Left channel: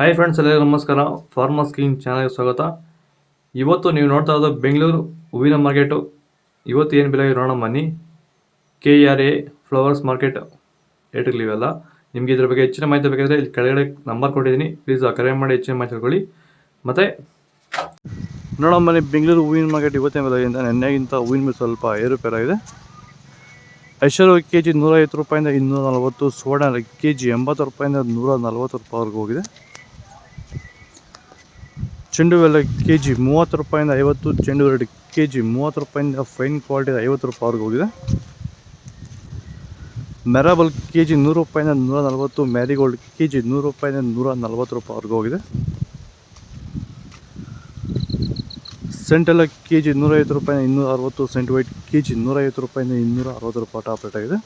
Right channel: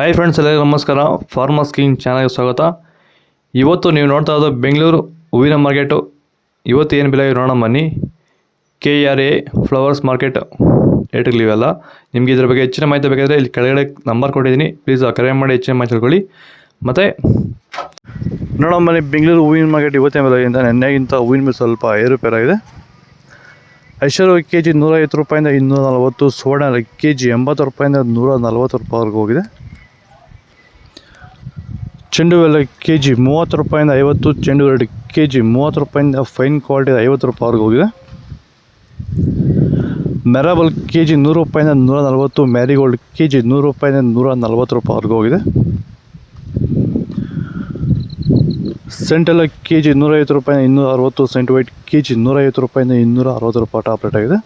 Hi friends, ಎಲ್ಲರಿಗೂ ನಮಸ್ಕಾರ. Farmers king ಚಾನಲ್ಗೆ ಸ್ವಾಗತ. ಇವತ್ತು ನೀವು ನೋಡ್ತಾ ಇರೋದು ಬೆಂಗಳೂರು ಹೂವಿನ ಮಾರ್ಕೆಟು. ಇವತ್ತು ಏನು ಬೆಲೆ ನೋಡೋಣ ಬನ್ನಿ. KRA ಫ್ಲವರ್ಸ್ ಮಾರ್ಕೆಟ್ ರೇಟ್ಗಳಿವೆಲ್ಲ. ನಿಮಗೆ ಇದ್ರ ಬಗ್ಗೆ ಹೆಚ್ಚಿನ ಮಾಹಿತಿ ಬೇಕಾದರೆ ಇಲ್ಲಿ ಕೆಳಗಡೆ ನಂಬರ್ ಕೊಟ್ಟಿದ್ದೀನಿ, ಪ್ಲೀಸ್ ಕರೆ ಮಾಡಿ ಹೆಚ್ಚಿನ ಮಾಹಿತಿ ತಿಳ್ಕೊಳ್ಳಿ. ಮತ್ತು ನೋಡೋಣ ಬನ್ನಿ, ಬೆಂಗಳೂರು ಹೂವಿನ ಮಾರ್ಕೆಟ್ ಇವತ್ತಿನ ಬೆಲೆಗಿಂತ ನೆನ್ನೆಗಿಂತ ಹೂವಿನ ಮೇಲೆ ಸ್ವಲ್ಪ ಏರುಪೇರಾಗಿದೆ. ಐಶ್ವರ್ಯ ಕೆ ಜಿ 150 ರೂಪಾಯಿಂದ 240, ಸುವರ್ಣ ಕೆ ಜಿ 80 ರೂಪಾಯಿಂದ 140 ರೂಪಾಯಿವರೆಗೂ ಹೋಗಿದೆ. ಚೆಂಡು ಹೂವೆಲ್ಲ ಕೆ ಜಿ 30 ರೂಪಾಯಿಂದ 50, ಚೆಂಡು ಹೂವು ಕೆ ಜಿ 30 ರೂಪಾಯಿಂದ ಫೈನ್ ಕ್ವಾಲಿಟಿ 50 ರೂಪಾಯಿವರೆಗೂ ಹೋಗಿದೆ. ಮೆರಾಬಲ್ ಕೆ ಜಿ 100 ರೂಪಾಯಿಂದ 140, ಮ್ಯಾರಿಗೋಲ್ಡ್ ಕೆ ಜಿ 100 ರೂಪಾಯಿಂದ 140 ರೂಪಾಯಿವರೆಗೂ ಹೋಗಿದೆ. ಸೆಂಟೆಲ್ಲ ಕೆ ಜಿ 150 ರೂಪಾಯಿಂದ 260, ಸೆಂಟ್ ವೈಟ್ ಕೆ ಜಿ 150 ರೂಪಾಯಿಂದ 260 ರೂಪಾಯಿ ಟಾಪ್ ರೇಟ್ ಆಗಿದೆ.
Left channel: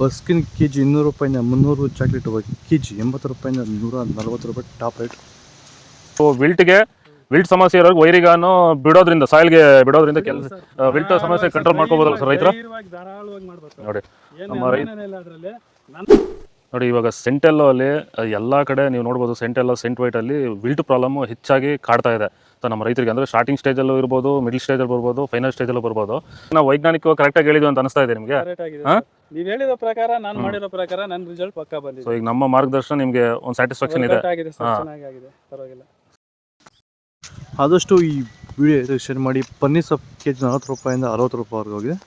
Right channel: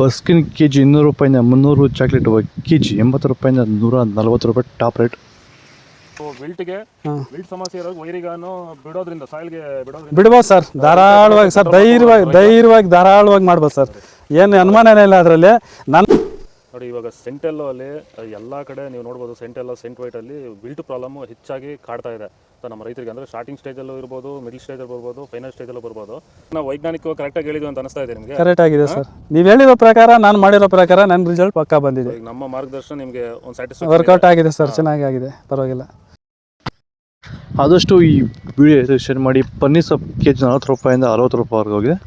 ಬಸ್ಕಿನ್ ಕೆ ಜಿ 200 ರೂಪಾಯಿಂದ 300, ಚಾಕ್ಲೇಟ್ ಕೆ ಜಿ 80 ರೂಪಾಯಿಂದ 140 ರೂಪಾಯಿ ಟಾಪ್ ರೇಟ್. ವಿಲ್ಟ್ ಸಮಸ್ಯೆ ಇರೋರಿಗೆ ವೈರಿಗಾನು ಬಿಡೋದ್ರಿಂದ ಸಾಯಿಲ್ಗೆ ಬಿಡ್ಬೋದು ಸರ್, ಧಾರಾಳವಾಗಿ ಸರ್, ಧಾರಾಳವಾಗಿ ಮಾಡ್ಬೋದು ಸರ್, ಏನು ಅನುಮಾನನೇ ಇಲ್ಲ ಅದರಲ್ಲಿ. ನೋಡಿ, ಇವಾಗ ಸೆಂಟೆಲ್ಲೋ ಅಲ್ಲಿ ಎಲ್ಲ ಕಡೆ ನೀವು ನೋಡ್ಬೋದು, ಸೆಂಟೆಲ್ಲೋ ಸೆಂಟ್ ವೈಟ್ ಅಲ್ಲಿ ವಿಲ್ಟ್ ಪ್ರಾಬ್ಲಮ್ ಹೆಚ್ಚಾಗಿ ಕಾಡ್ತಾ ಇದೆ ನಮ್ಮ ರೈತರಿಗೆ. ಅಂದ್ರೆ ಸ್ಟಾರ್ಟಿಂಗ್ ಸ್ಟೇಜಲ್ಲೂ ಇರ್ಬೋದು, ಮಿಡಲ್ ಸ್ಟೇಜಲ್ಲಿ ಬರ್ಬೋದು, ಫೈನಲ್ ಸ್ಟೇಜಲ್ಲೂ ಬರ್ಬೋದು. ನಾವು ವೈಜ್ಞಾನಿಕವಾಗಿ ಕರೆಕ್ಟಾಗಿ ಹೇಳಿದ್ವಿ ಅಂತ ಅನಿಸ್ತಾ ಇದೆ ನಿಮಗೆ? ಕರೆಕ್ಟ್ ಆಗಿದೆ ಸರ್, ನೀವು ಹೇಳಿರೋ ಪ್ರಕಾರ, ನಾನು ಮಾಡಿರೋ ಪ್ರಕಾರ ನನ್ನ ರಿಸಲ್ಟ್ ಪಕ್ಕಾ ಬಂದಿದೆ. ಈಗ ನಮ್ಮ ಮಾರ್ಗದರ್ಶನ ನಿಮಗೆ ಒಂದು ಸ್ಯಾಟಿಸ್ಫ್ಯಾಕ್ಷನ್ ವರ್ಕೌಟ್ ಆಗಿದೆ ಸರ್, ಚೆನ್ನಾಗಿ ಆಗಿದೆ, ಪರವಾಗಿಲ್ಲ. ಆದಷ್ಟು ಈ ವಿಡಿಯೋ ಶೇರ್ ಮಾಡಿ. ಪನ್ನೀರ್ ಸೊಪ್ಪು ಕೆ ಜಿ 40 ರೂಪಾಯಿಂದ 60 ರೂಪಾಯಿವರೆಗೂ ಹೋಗಿದೆ.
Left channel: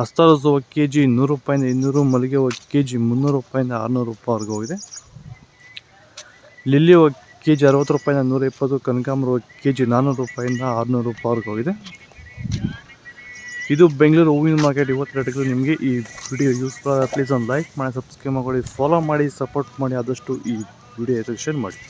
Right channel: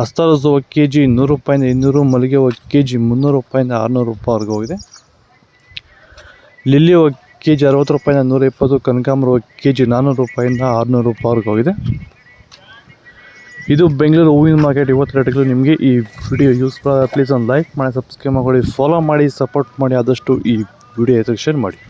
ಅಸ್ತಾರೋಸ್ ಹೂವು ಕೆ ಜಿ 100 ರೂಪಾಯಿಂದ 200, ಮಲ್ಲಿಗೆ ಹೂವು ಕೆ ಜಿ 300 ರೂಪಾಯಿಂದ 600 ರೂಪಾಯಿವರೆಗೂ ಹೋಗಿದೆ. ಲಿಲ್ಲಿ ಹೂವು ಕೆ ಜಿ 60 ರೂಪಾಯಿಂದ 120, ಕನಕಾಂಬರ ಹೂವು ಕೆ ಜಿ 400 ರೂಪಾಯಿಂದ 600 ರೂಪಾಯಿವರೆಗೂ ಹೋಗಿದೆ. ಇದು ಬೆಂಗಳೂರು ಹೂವಿನ ಮಾರ್ಕೆಟ್ ಇವತ್ತು ರೇಟ್ಗಳು. ನಿಮಗೆ ಈ ವಿಡಿಯೋ ಯೂಸ್ಫುಲ್, ಪ್ಲೀಸ್ ಒಂದು ಲೈಕ್ ಮಾಡಿ, ಸಬ್ಸ್ಕ್ರೈಬ್ ಮಾಡಿ, ಫಾಲೋ ಮಾಡಿ, ಸಪೋರ್ಟ್ ಮಾಡಿ. ಆದಷ್ಟು ಈ ವಿಡಿಯೋ ಶೇರ್ ಮಾಡಿ.